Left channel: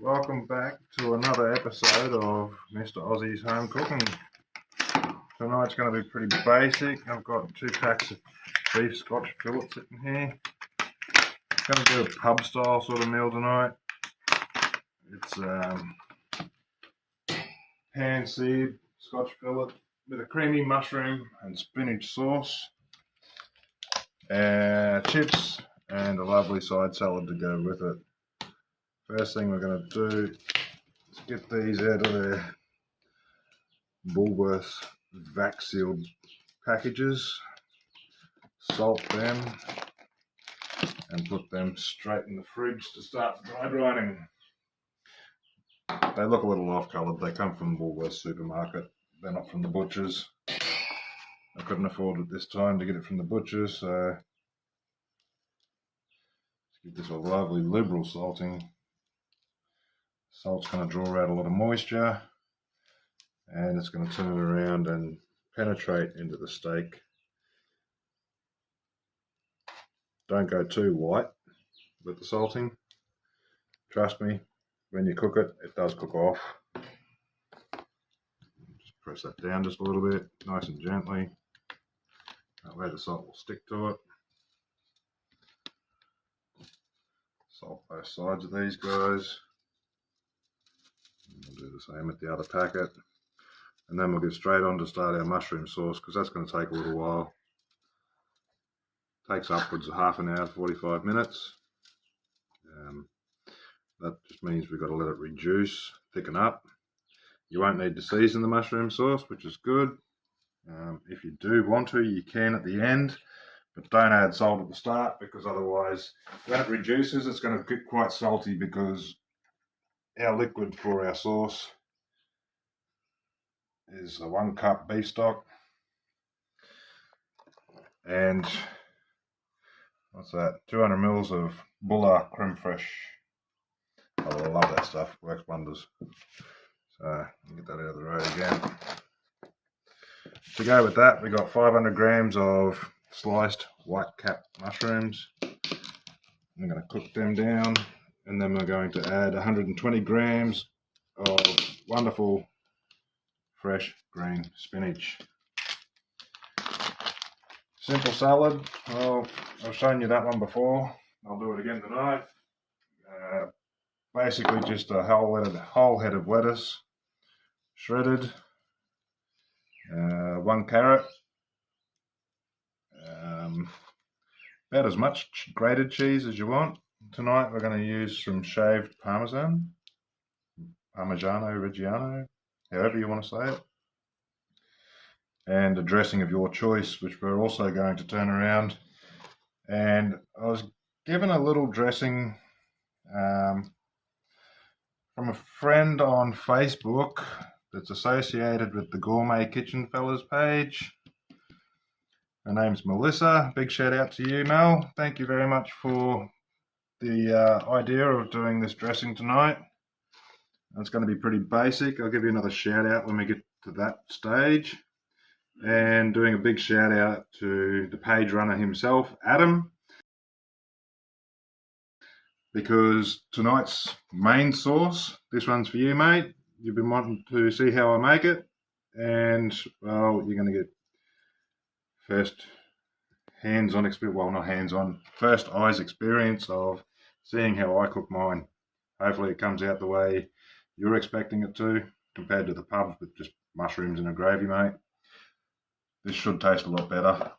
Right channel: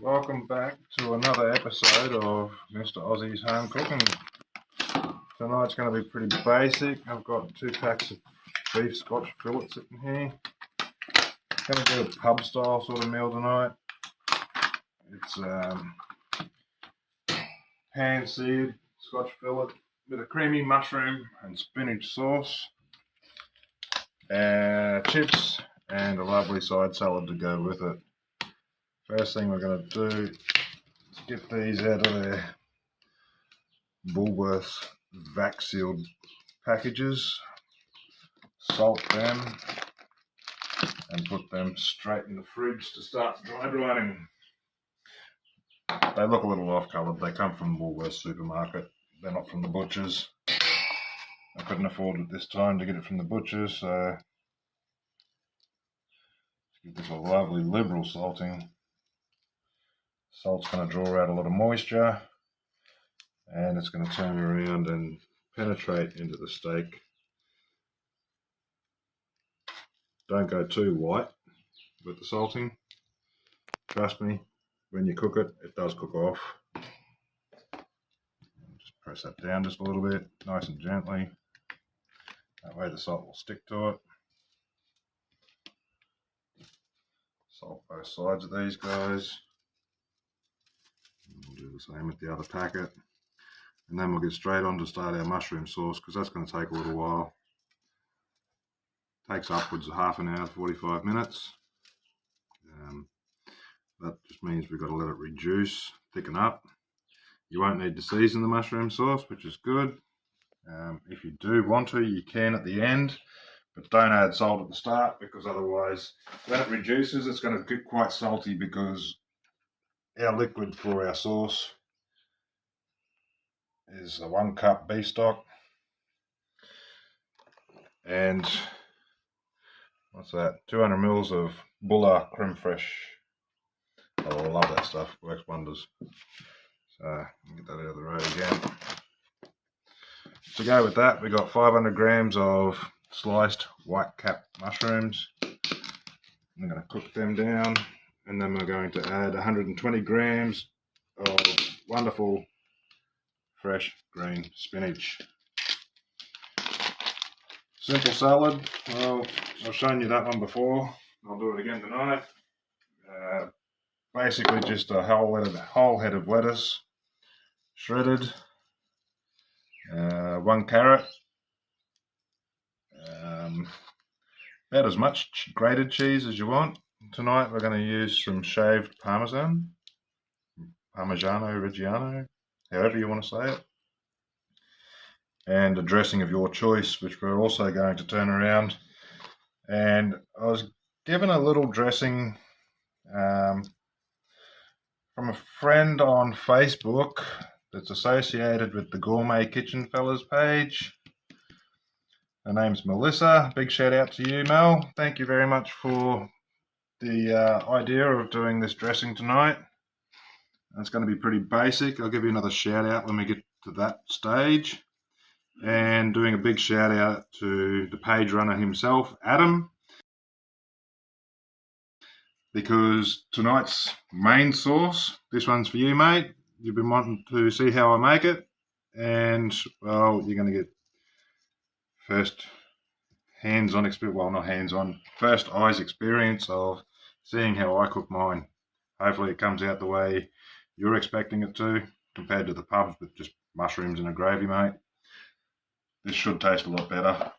Welcome back to another episode of Mr. Aussie's Home Cooking. Tonight's going to be pretty basic. I've got 2 packs of beef Scotch fillet sitting here. Going to do a pub style sort of meal tonight. It's pan-seared Scotch fillet with a creamy mushroom and spinach sauce, chips and a lovely side salad to go with it. First thing we're going to do is get these out of their Woolworths vac sealed packages, salt them and put them straight in the fridge to start dry drying. They look a little off coloured. They come from Woolworths supermarket. They're not from the butchers. I couldn't afford at this time to get it from the butchers, so let's give this a lovely liberal salting. Salt's going to draw out a lot of moisture and it's going to turn around and penetrate into the steak. Don't go too white with the salting. Trust me, when you cook it, it does cook off. Just press that down just a little bit, nice and gently. That way the salt will stick to it. Salt both sides of these guys. We'll do the same with the other packet, and then we'll get straight on to start our mushroom sauce, because that's going to take a little while. Takes upwards of half an hour, 45 minutes. That just means we've got to let it reduce, thicken up. You won't need to season the mushroom sauce, which is good. If you do want to, you can at the end, but don't add salt at the start, because otherwise that reduces. It's going to get quite salty because our liquid for our sauce is a 1 cup beef stock and what's that, 200 mils of Bulla creme fraiche. I love that stuff, works wonders. So get that out of the road again. To go with that, we got 500 grams of sliced white cap mushrooms. I'm going to cook them down. And then we're going to add 120 grams of wonderful fresh green spinach. Simple salad. Well, I've shown you that one before. I'll do it again tonight. Basically just a whole head of lettuce, shredded, 1 carrot, about as much grated cheese as you want. Tonight we're going to use some shaved Parmesan, Parmigiano Reggiano, however you want to say it, and a dressing of your choice, which we're also going to turn around. And I was given a little dressing from a friend on Facebook that's associated with the Gourmet Kitchen Fellas page. Her name's Melissa. Big shout out to you, Mel. Thank you very much for the idea of doing this dressing tonight. It's going to be pretty basic. I'll give you another shout out when we get to that stage. And doing a big shout out to the page runner himself, Adam, because tonight's main sauce, this one's for you, mate. You've been wanting to see how I make it, and well, you're going to get first hands-on experience, well, not hands-on, first eyes experience of seeing how I cook mine. Hopefully it comes out the way you're expecting it to, compared to the pubs with just mushrooms and a gravy, mate. This should taste a lot better.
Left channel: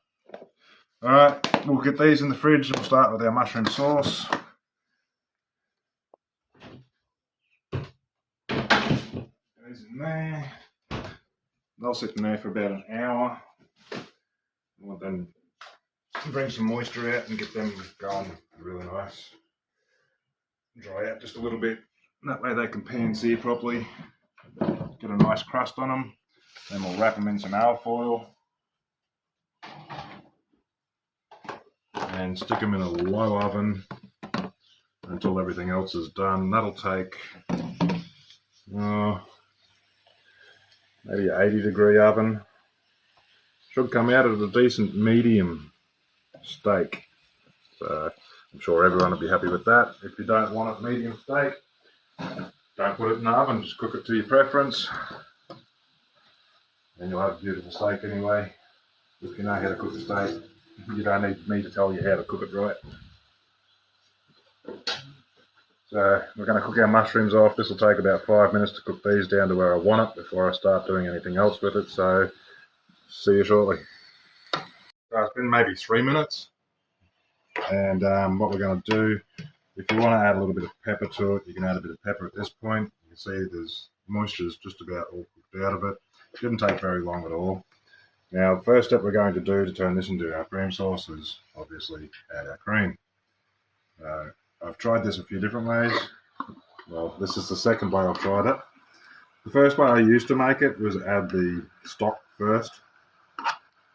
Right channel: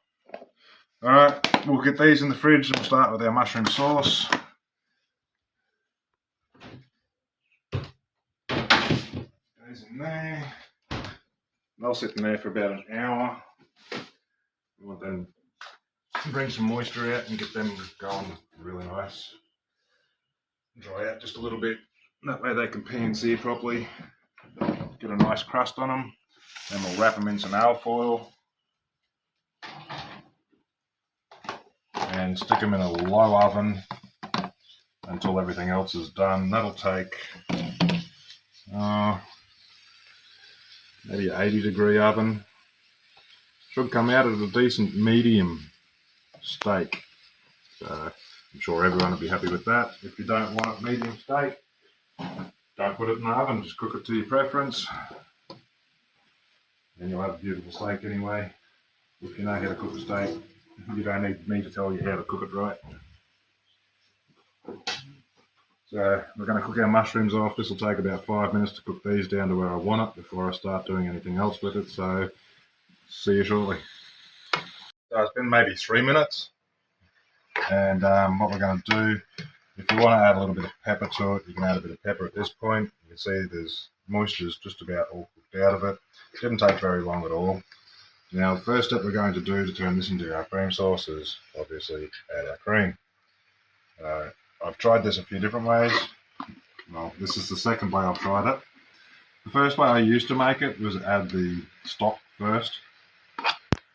Alright, we'll get these in the fridge and we'll start with our mushroom sauce. These in there. They'll sit in there for about an hour. We'll then bring some moisture out and get them going really nice. Dry out just a little bit. That way they can pan-sear properly. Get a nice crust on them. Then we'll wrap them in some alfoil and stick them in a low oven until everything else is done. That'll take maybe an 80-degree oven. Should come out at a decent medium steak. So I'm sure everyone will be happy with that. If you don't want it medium steak, Don't put it in the oven, just cook it to your preference. And you'll have a beautiful steak anyway. If you know how to cook a steak, you don't need me to tell you how to cook it right. So we're going to cook our mushrooms off. This will take about 5 minutes to cook these down to where I want it before I start doing anything else with it. So see you shortly. So it's been maybe 3 minutes. And what we're going to do, if you want to add a little bit of pepper to it, you can add a bit of pepper at this point. You can see there's moisture is just about all cooked out of it. It didn't take very long at all. Now the first step we're going to do to turn this into our cream sauce is obviously add our cream. I've tried this a few different ways. Well, this is the second way I've tried it. The first way I used to make it was add the stock first,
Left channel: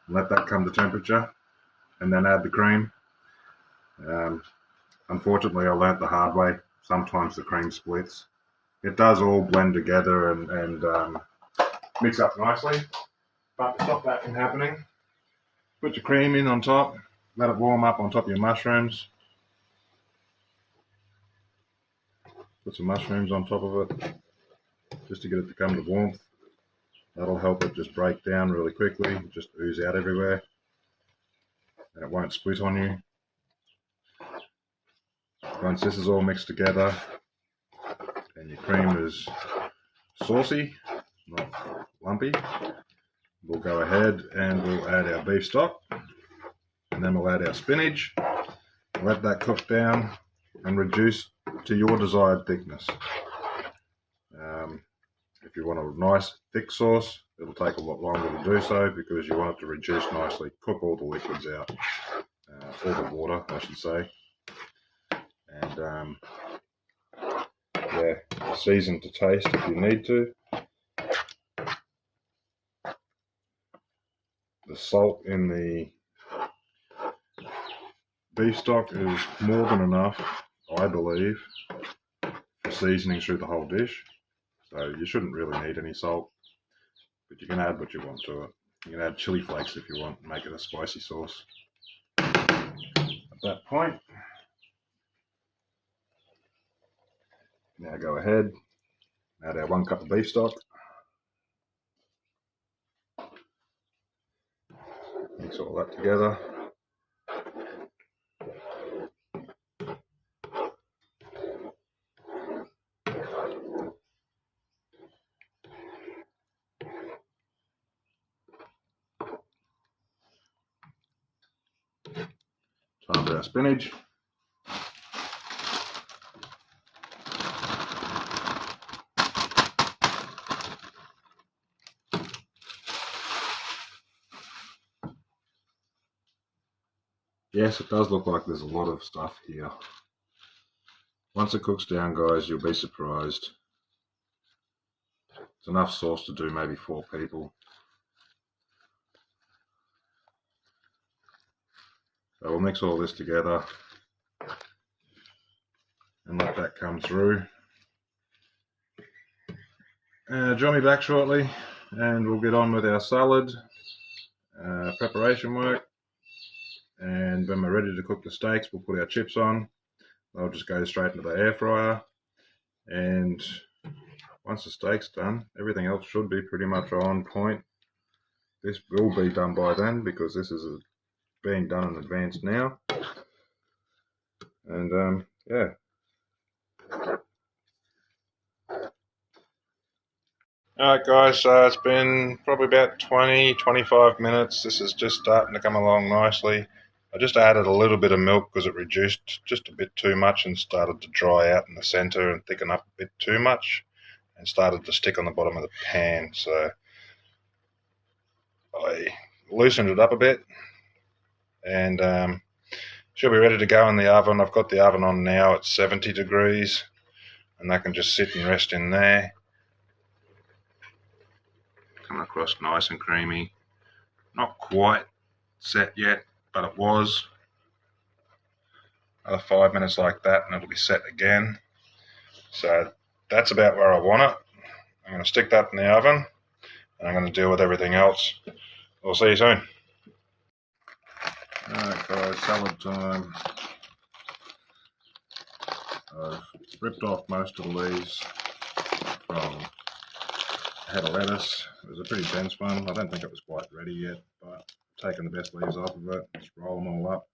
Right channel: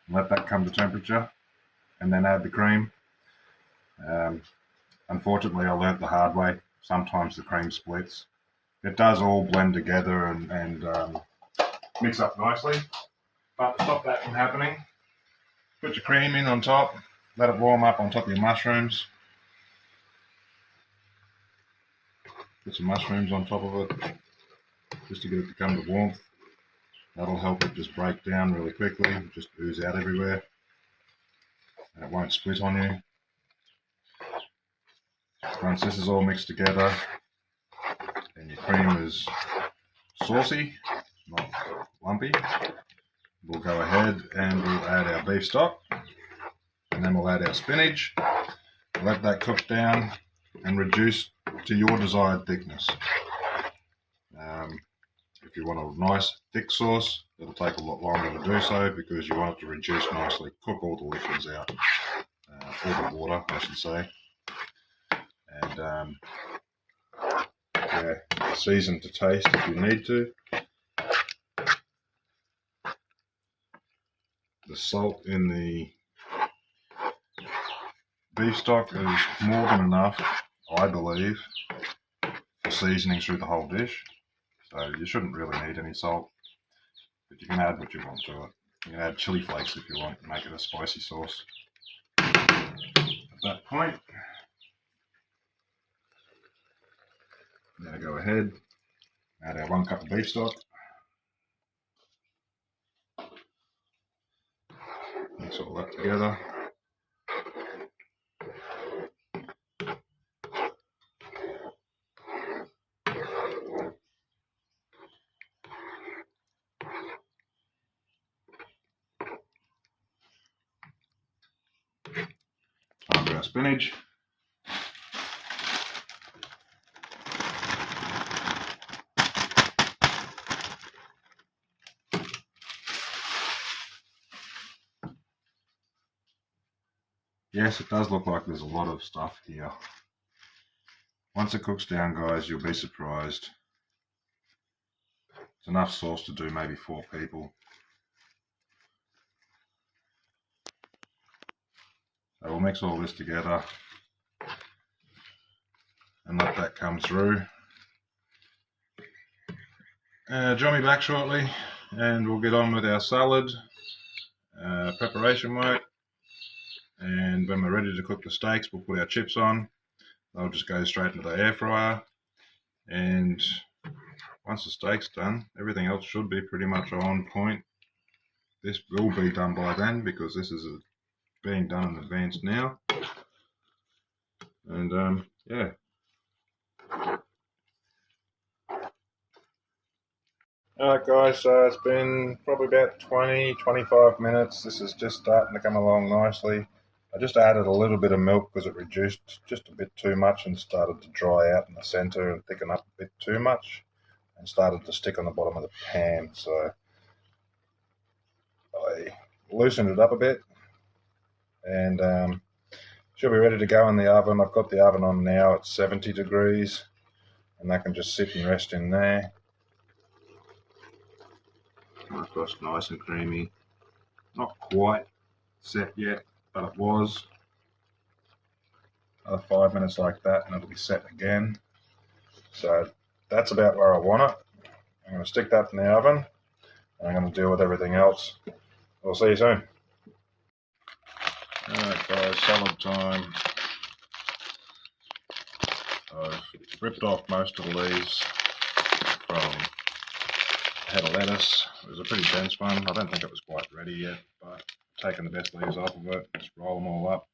let that come to temperature, and then add the cream. Unfortunately, I learnt the hard way. Sometimes the cream splits. It does all blend together and mix up nicely. But to stop that from happening, put your cream in on top, let it warm up on top of your mushrooms. Put some mushrooms on top of it, just to get it to come to warmth. That'll help it just break down really quickly, just ooze out everywhere, and it won't split on you. Once this is all mixed together and your cream is saucy, not lumpy, we'll go ahead and we'll add our beef stock, and then we'll add our spinach, let that cook down and reduce to your desired thickness. If you want a nice thick sauce, it'll take a lot longer to do so because you want it to reduce nicely, cook all the liquids out, all the water I should say. And yeah, season to taste if you need to. The salt in the beef stock is more than enough, I believe, for seasoning through the whole dish. So you shouldn't really need any salt, but you can add what you want to it. You can add chili flakes if you want and make it a spicy sauce. At that point, now go ahead, add our 1 cup of beef stock. Mix all that together. Time for our spinach. Yes, it does look like there's a lot of stuff here. Once it cooks down, guys, you'll be surprised. It's enough sauce to do maybe 4 people. So we'll mix all this together and let that come through. Join me back shortly and we'll get on with our salad preparation work. And when we're ready to cook the steaks, we'll put our chips on. They'll just go straight into the air fryer. And once the steak's done, everything else should be pretty much on point. This will be done by then because this is being done in advance now. And yeah. Alright guys, so it's been probably about 20-25 minutes. This is just starting to come along nicely. I just added a little bit of milk because it reduced just a bit too much and started to dry out in the center and thicken up a bit too much and started to stick on the bottom of the pan. So I loosened it up a bit and should be ready to go in the oven. I've got the oven on now at 70 degrees and that can just sit and rest in there. Come across nice and creamy. Not quite set yet, but it was. Another 5 minutes like that and it'll be set again. So that's about where I want it. I'm going to stick that in the oven and I'm going to deal with everything else. I'll see you soon. Alright guys, salad time. I've ripped off most of the leaves from, I had a lettuce. It was a pretty dense one. I don't think it was quite ready yet, but I've taken the best leaves off of it. Just roll them all up.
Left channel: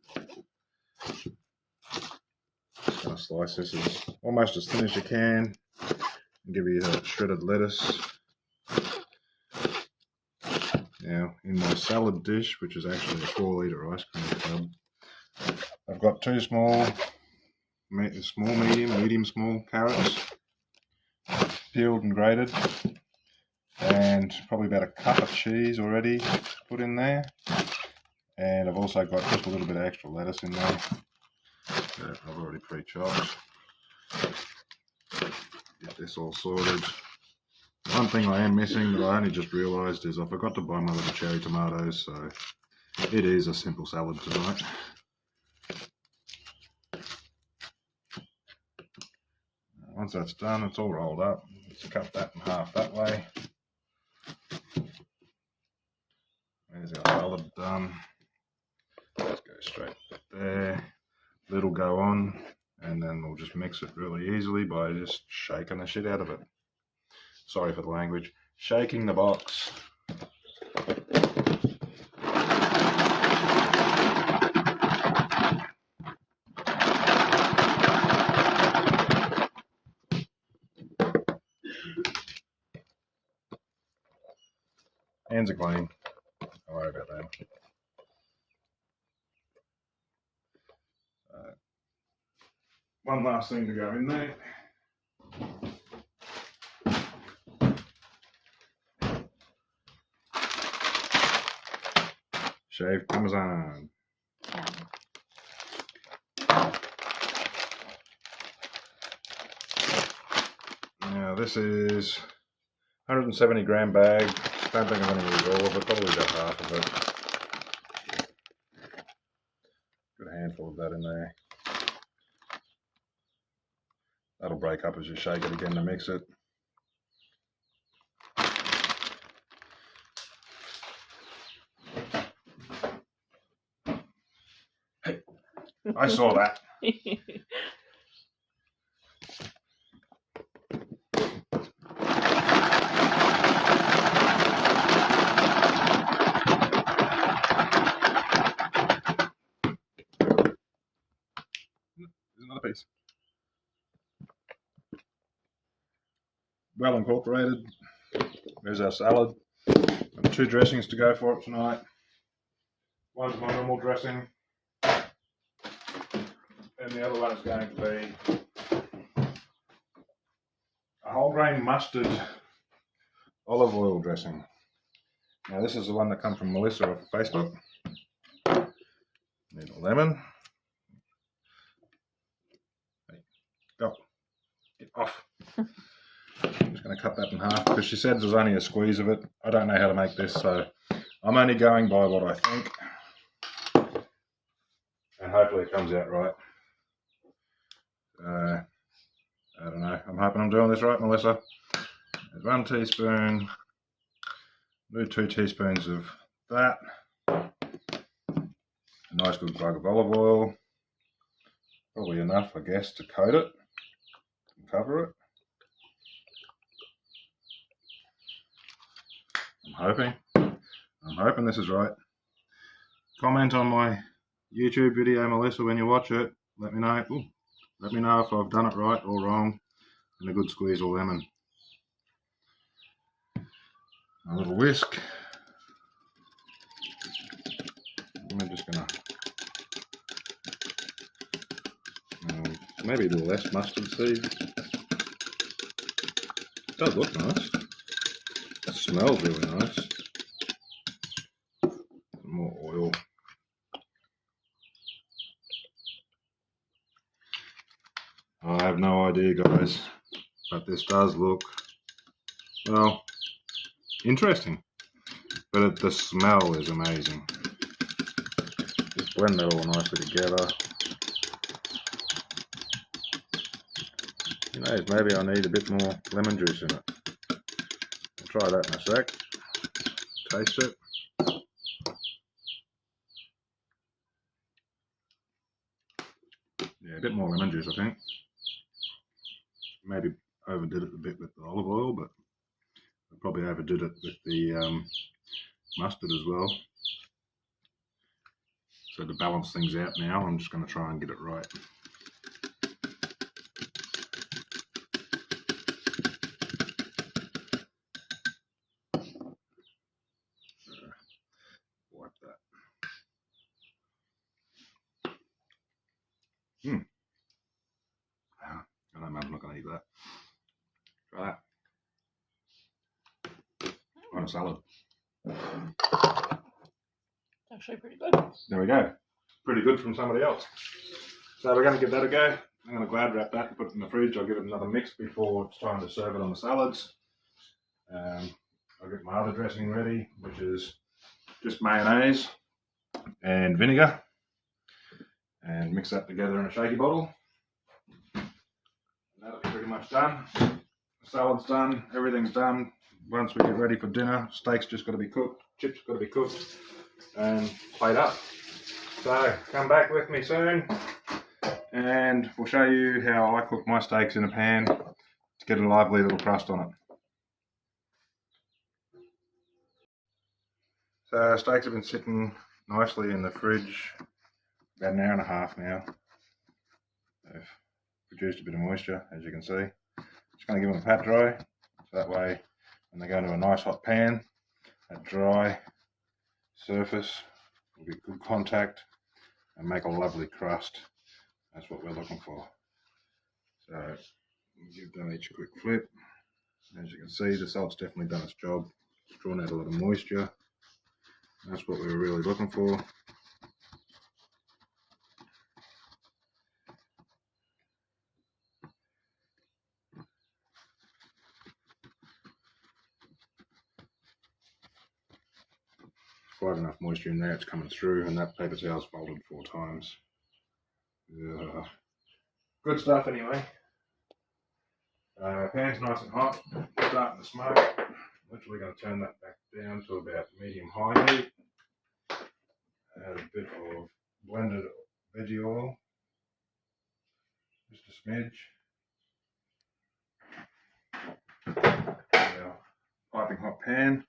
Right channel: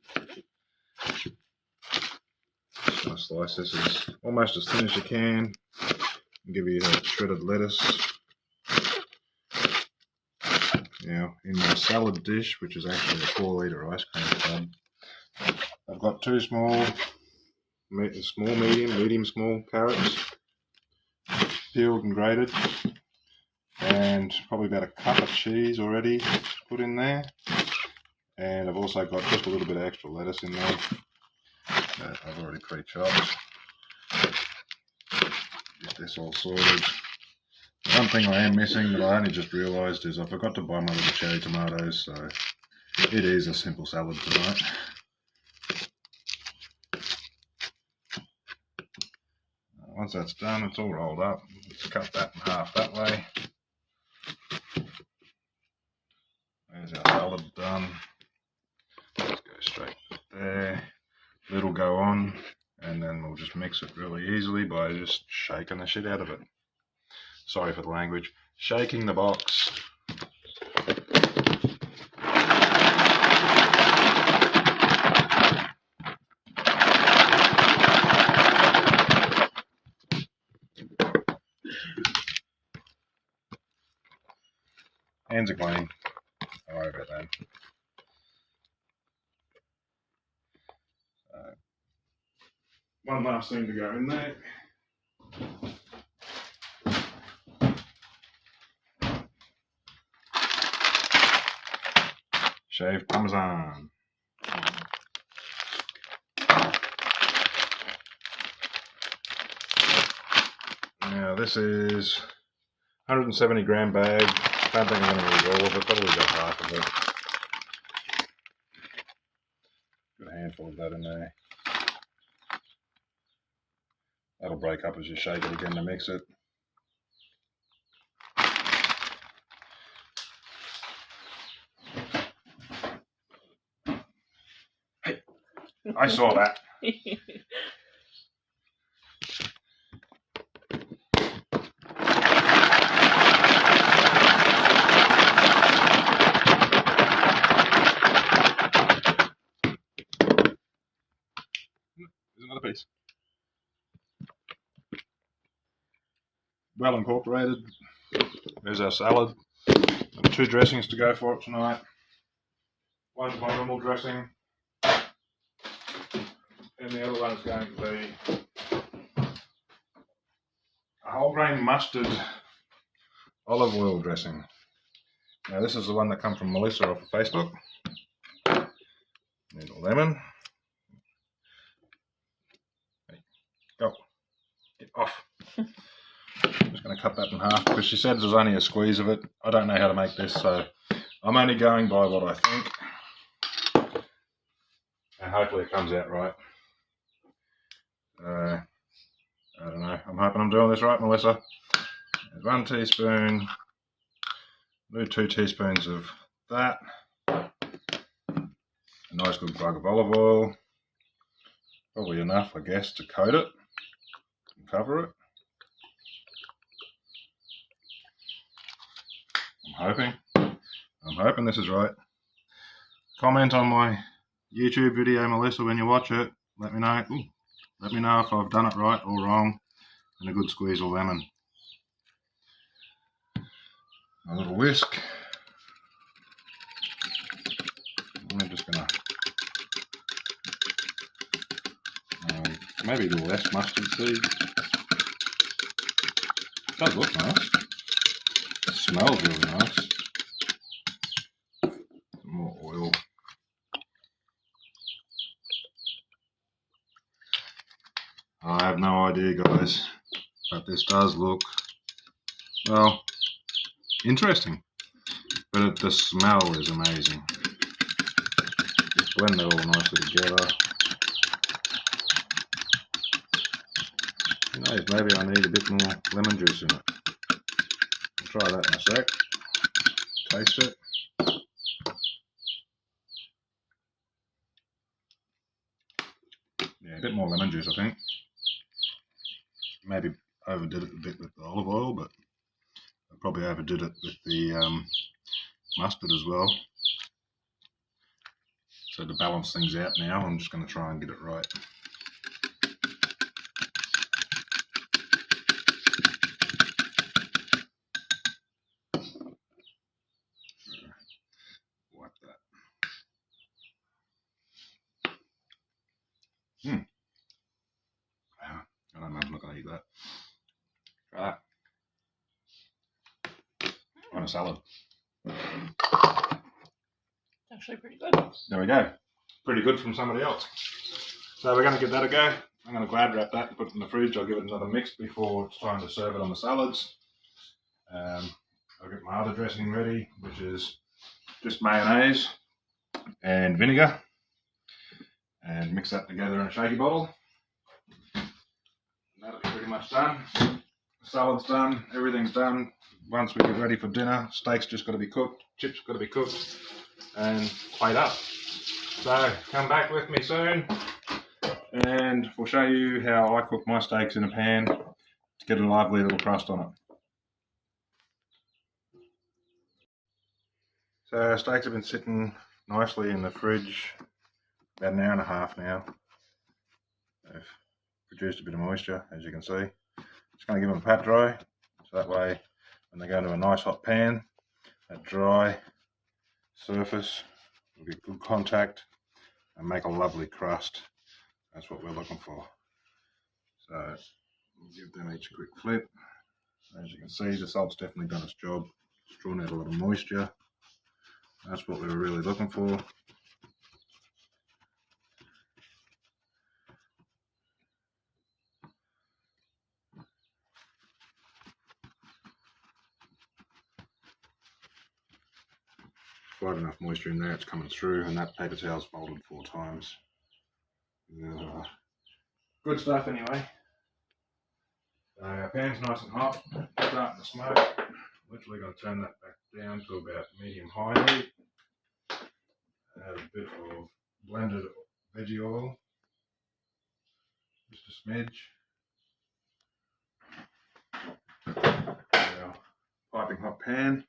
Just going to slice this as almost as thin as you can and give you a shredded lettuce. Now, in my salad dish, which is actually a 4-litre ice cream tub, I've got 2 small, medium, small carrots, peeled and grated, and probably about a cup of cheese already put in there. And I've also got just a little bit of extra lettuce in there that I've already pre-chopped. Get this all sorted. One thing I am missing that I only just realised is I forgot to buy my little cherry tomatoes, so it is a simple salad tonight. Once that's done, it's all rolled up. Let's cut that in half that way. There's our salad done. Let's go straight there. Little go on, and then we'll just mix it really easily by just shaking the shit out of it. Sorry for the language. Shaking the box. Hands are clean. Don't worry about that. One last thing to go in there. Shaved Parmesan. Now this is 170 gram bag. Don't think I'm going to use all of it, probably about half of it. Got a handful of that in there. That'll break up as you shake it again to mix it. Hey, I saw that. There's another piece. Well incorporated. There's our salad. Got 2 dressings to go for it tonight. One's my normal dressing, and the other one's going to be a whole grain mustard olive oil dressing. Now this is the one that comes from Melissa off of Facebook. Need a lemon. Hey, go. Get off. I'm just going to cut that in half because she said there's only a squeeze of it. I don't know how to make this, so I'm only going by what I think. And hopefully it comes out right. I don't know. I'm hoping I'm doing this right, Melissa. There's 1 teaspoon. Do 2 teaspoons of that. A nice good glug of olive oil. Probably enough, I guess, to coat it and cover it. I'm hoping this is right. Comment on my YouTube video, Melissa, when you watch it. Let me know. Ooh, let me know if I've done it right or wrong. And a good squeeze of lemon. A little whisk. I'm just gonna maybe a little less mustard seed. It does look nice. It smells really nice. Some more oil. I have no idea, guys, but this does look, well, interesting. But the smell is amazing. Just blend it all nicely together. Who knows, maybe I need a bit more lemon juice in it. I'll try that in a sec. Taste it. Yeah, a bit more lemon juice, I think. Maybe overdid it a bit with the olive oil, but I probably overdid it with the mustard as well. So to balance things out now, I'm just going to try and get it right. Wipe that. Wow. I know Mum's not going to eat that. Try that. On a salad. It's actually pretty good. There we go. Pretty good from somebody else. So we're going to give that a go. I'm going to glad wrap that and put it in the fridge. I'll give it another mix before it's time to serve it on the salads. I'll get my other dressing ready, which is just mayonnaise and vinegar, and mix that together in a shaky bottle. And that'll be pretty much done. The salad's done, everything's done. Once we get ready for dinner, steak's just got to be cooked, chips got to be cooked, and plate up. So come back with me soon, and we'll show you how I cook my steaks in a pan to get a lively little crust on it. So our steaks have been sitting nicely in the fridge about an hour and a half now. They've produced a bit of moisture, as you can see. Just going to give them a pat dry, so that way when they go into a nice hot pan, that dry surface will get good contact and make a lovely crust. That's what we're looking for. So we'll give them each a quick flip. As you can see, the salt's definitely done its job. It's drawn out a lot of moisture. That's what we were really looking for. If I have enough moisture in there, it's coming through, and that paper towel's folded 4 times. Good stuff anyway. Pan's nice and hot, starting to smoke. Literally going to turn that back down to about medium-high heat. Add a bit of blended veggie oil, just a smidge. Our piping hot pan.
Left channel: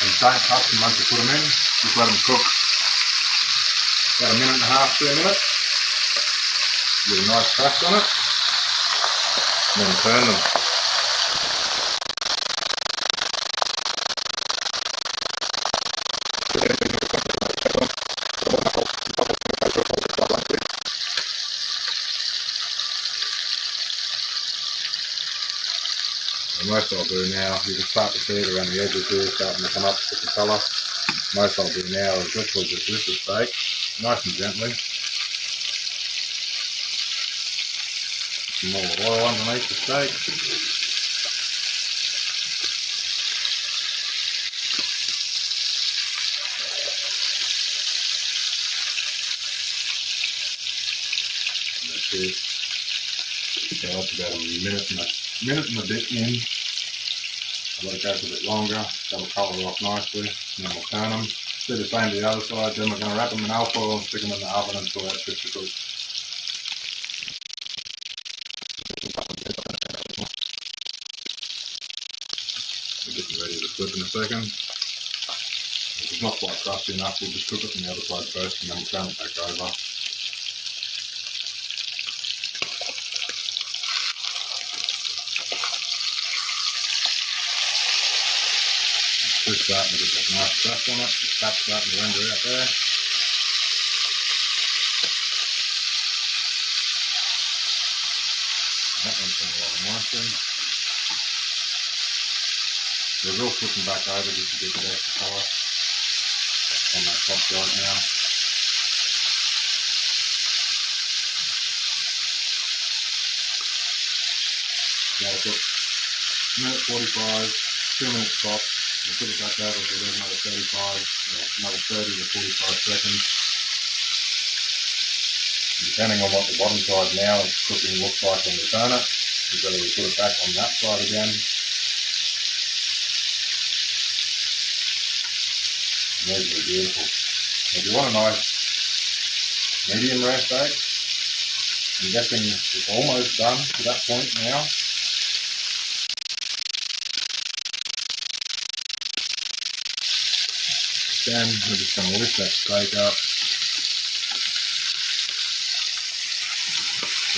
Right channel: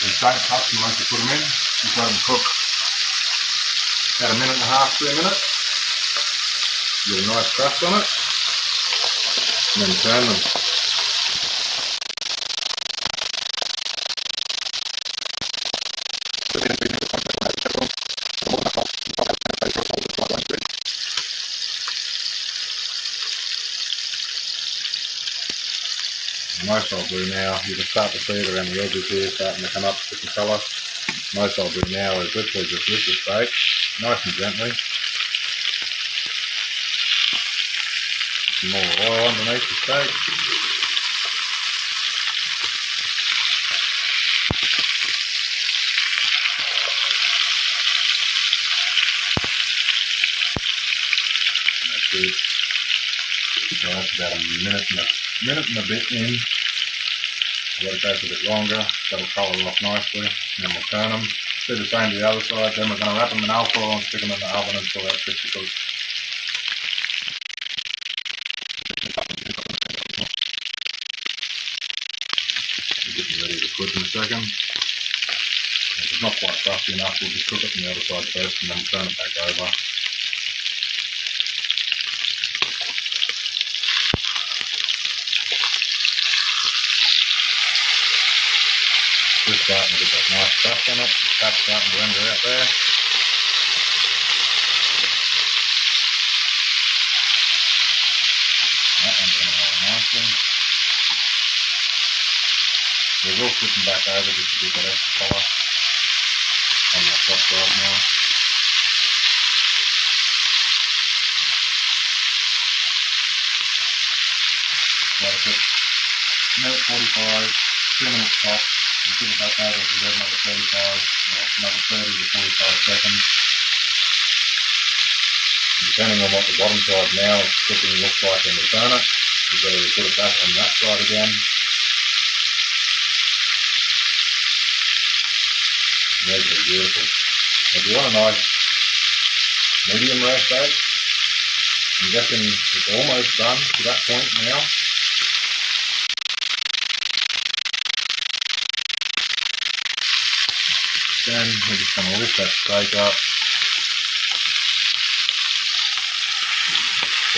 And don't touch them once you put them in, just let them cook about 1.5 minutes, 2 minutes. Get a nice crust on it, and then turn them. And most I'll do now, you can start to see it around the edges here, starting to come up with the colour. Most I'll do now is literally just lift the steak, nice and gently. Some more oil underneath the steak. And that's it. So that's about a minute and a bit in. I'll let it go for a bit longer, that'll colour off nicely, and then we'll turn them. Do the same to the other side, then we're going to wrap them in alcohol and stick them in the oven until they're fit to cook. We're getting ready to cook in a second. If it's not quite crusty enough, we'll just cook it on the other side first and then we'll turn it back over. Just starting to get that nice crust on it, the fat's starting to render out there. That one's coming along nicely. We will flip them back over just to get that extra colour on that top side now. Let it cook. Minute 45, 2 minutes top. We'll put it back over for another 35, or another 30 to 45 seconds. Depending on what the bottom side now is cooking looks like when we turn it, we've got to put it back on that side again. Absolutely beautiful. If you want a nice medium rare steak, you reckon it's almost done to that point now. Then we're just going to lift that steak up,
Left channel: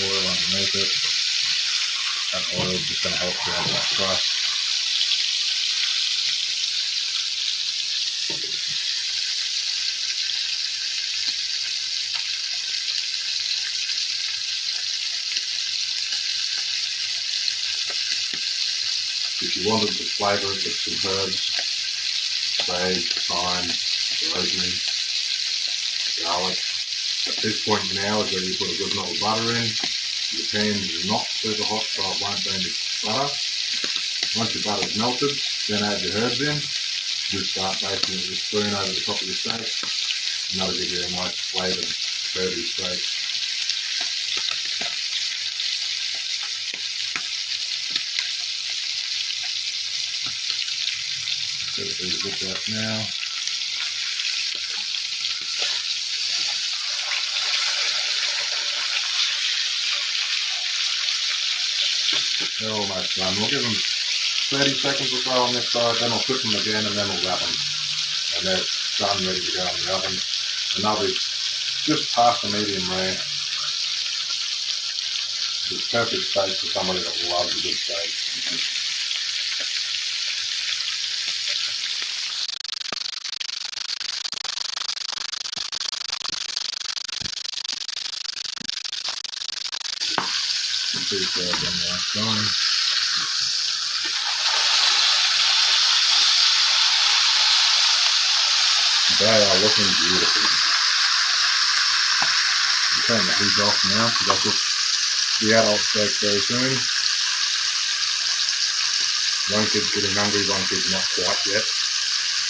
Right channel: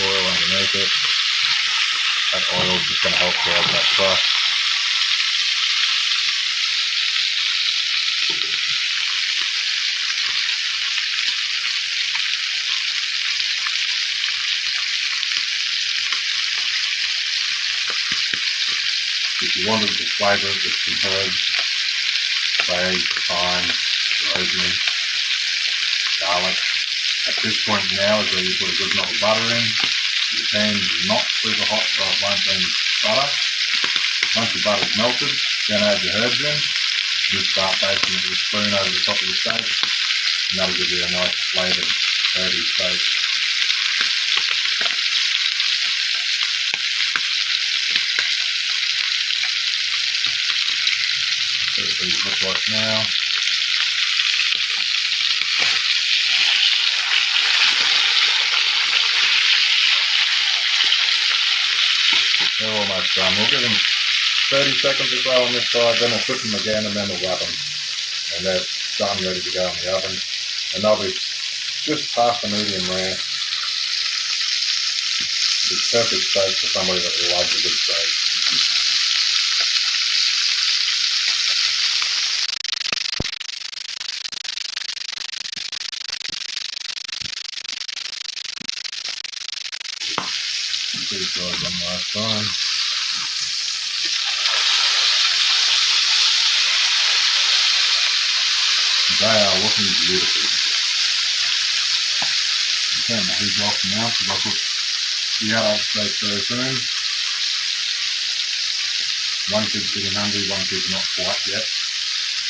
oil underneath it. That oil is just going to help grab that crust. If you wanted to flavour it with some herbs, sage, thyme, rosemary, garlic. At this point now is where you put a good knob of butter in. The pan's not super hot, so it won't burn the butter. Once your butter's melted, then add your herbs in. Just start basting it with a spoon over the top of the steak, and that'll give you a nice flavoured, herby steak. See what these look like now. They're almost done. We'll give them 30 seconds or so on this side, then we'll flip them again and then we'll wrap them. And they're done, ready to go in the oven. And they'll be just past the medium rare. It's perfect steak for somebody that loves a good steak. These guys on last time. They are looking beautiful. I'm turning the heat off now because I'll cook the adult steak very soon. One kid's getting hungry, one kid's not quite yet.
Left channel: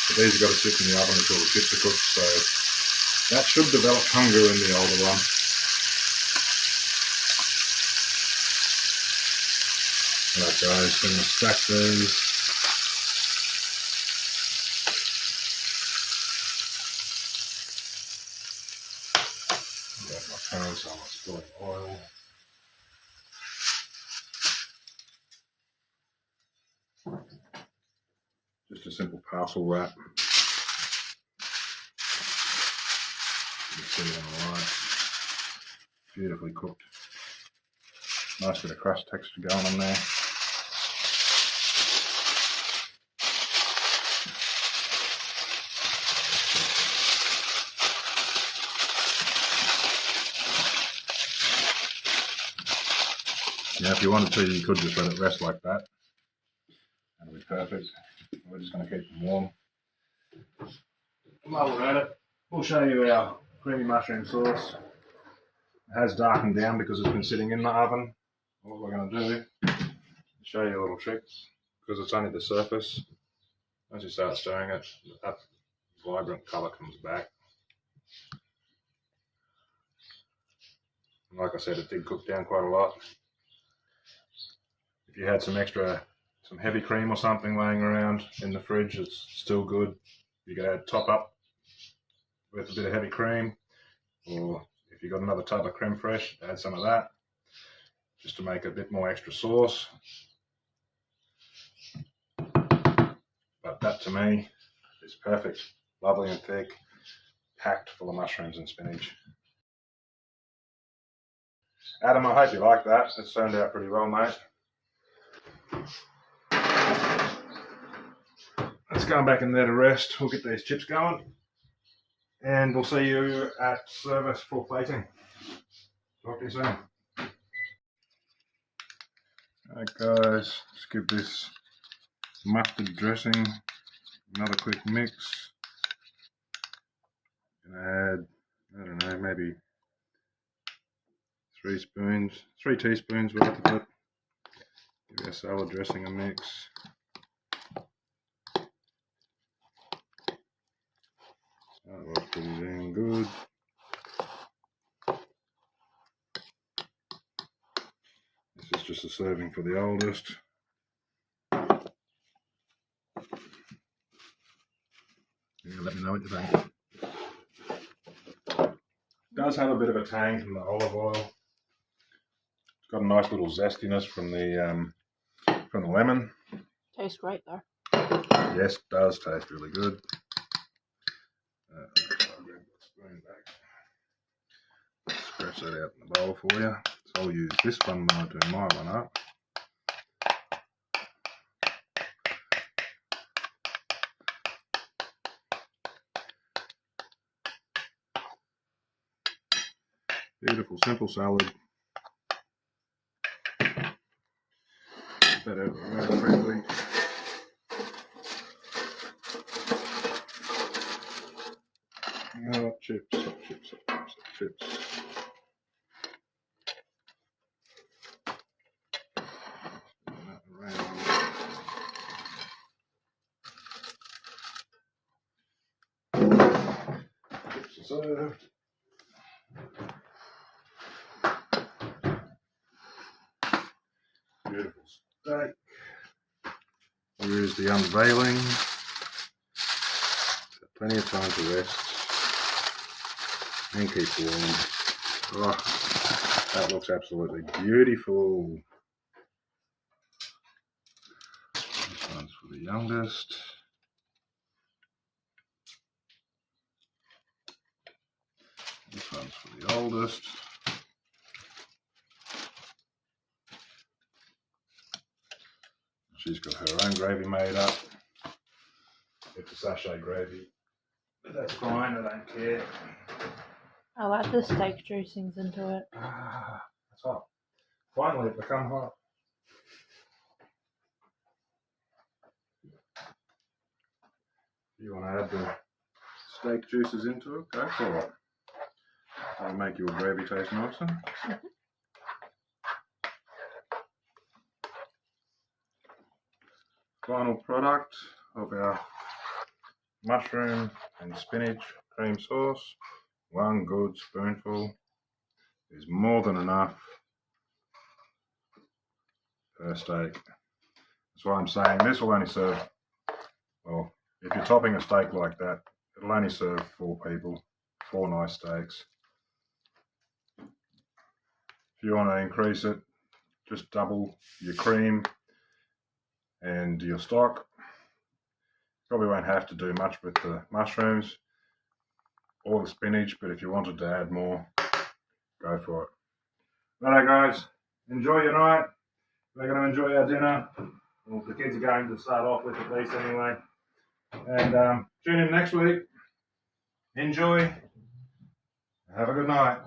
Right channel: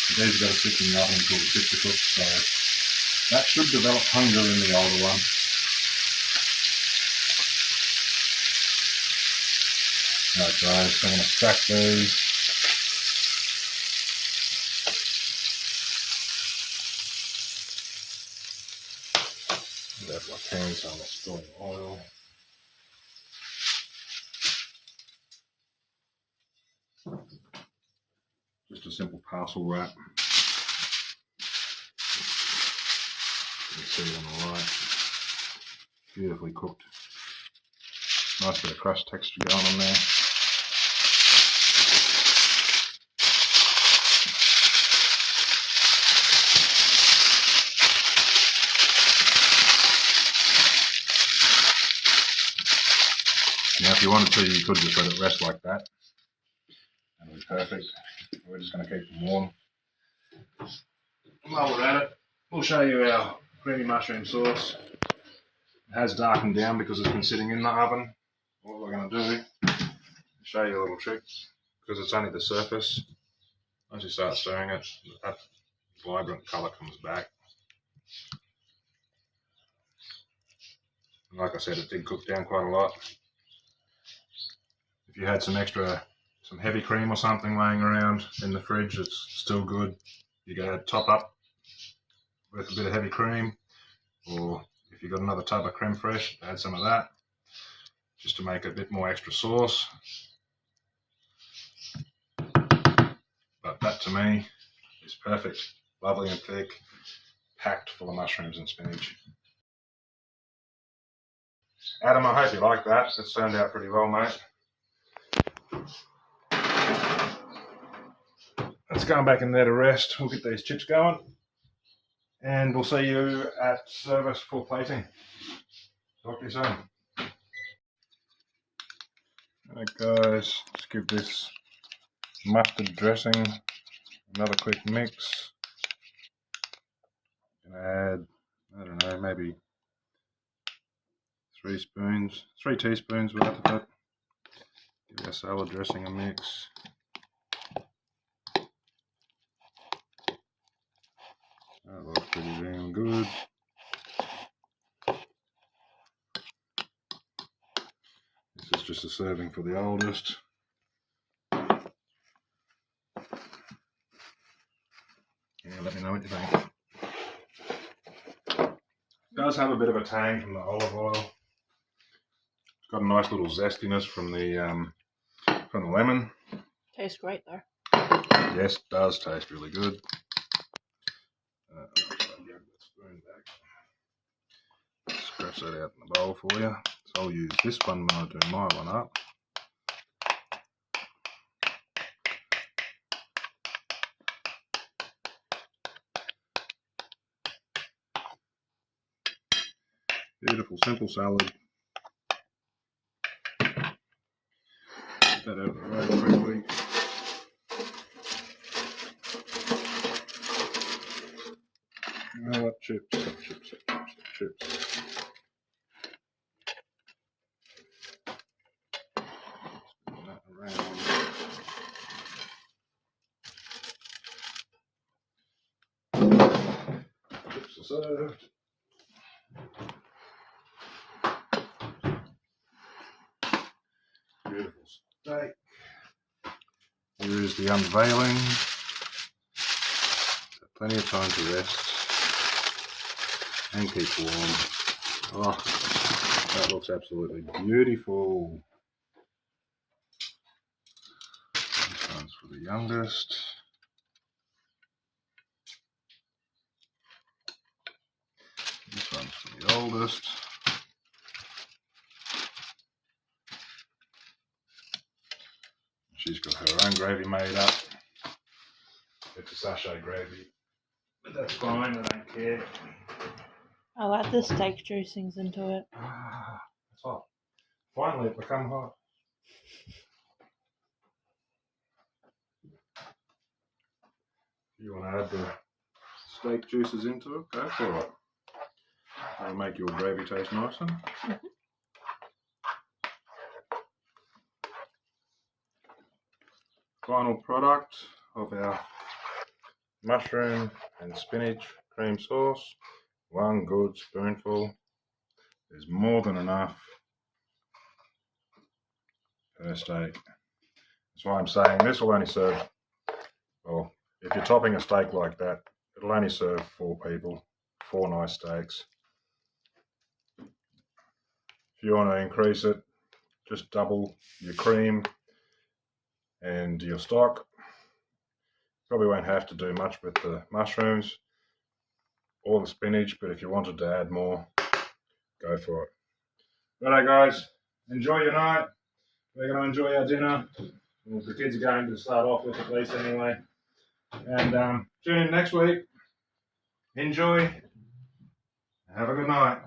But these have got to sit in the oven until the chips are cooked, so that should develop hunger in the older one. Alright guys, I'm going to stack these. Grab my pan so I'm not spilling oil. Just a simple parcel wrap. You can see on the right. Beautifully cooked. Nice bit of crust texture going on there. Now if you wanted to, you could just let it rest like that. That'll be perfect. We're just going to keep them warm. While we're at it, we'll show you our creamy mushroom sauce. It has darkened down because it's been sitting in the oven. What we're going to do is show you a little trick, because it's only the surface. Once you start stirring it, that vibrant colour comes back. And like I said, it did cook down quite a lot. If you had some heavy cream or something laying around in the fridge, it's still good. You could top up with a bit of heavy cream, or if you've got another tub of creme fraiche, add some of that, just to make a bit more extra sauce. But that to me is perfect. Lovely and thick, packed full of mushrooms and spinach. Adam, I hope you like that. It's turned out pretty well, mate. Let's go back in there to rest. We'll get these chips going, and we'll see you at service for plating. Talk to you soon. Alright guys, let's give this mustard dressing another quick mix. Gonna add, I don't know, maybe 3 teaspoons worth of it. Give our salad dressing a mix. That looks pretty damn good. This is just a serving for the oldest. And and let me know what you think. It does have a bit of a tang from the olive oil. It's got a nice little zestiness from the lemon. Tastes great though. Yes, it does taste really good. I'll grab the spoon back. Scratch that out in the bowl for you. So I'll use this one when I do my one up. Beautiful, simple salad. Get that out of the way quickly. Oh, chips. Chips are served. Beautiful steak. Here is the unveiling. So plenty of time to rest and keep warm. Oh, that looks absolutely beautiful. This one's for the youngest. This one's for the oldest. She's got her own gravy made up. It's a sachet gravy, but that's fine, I don't care. I'll add the steak juicings into it. Ah, it's hot. Finally, it become hot. If you want to add the steak juices into it, go for it. That'll make your gravy taste nicer. Final product of our mushroom and spinach cream sauce. One good spoonful is more than enough per steak. That's why I'm saying this will only serve, well, if you're topping a steak like that, it'll only serve 4 people, 4 nice steaks. If you want to increase it, just double your cream and your stock. Probably won't have to do much with the mushrooms or the spinach, but if you wanted to add more, go for it. Righto guys, enjoy your night. We're going to enjoy our dinner. Well, the kids are going to start off with at least anyway. And tune in next week. Enjoy. Have a good night.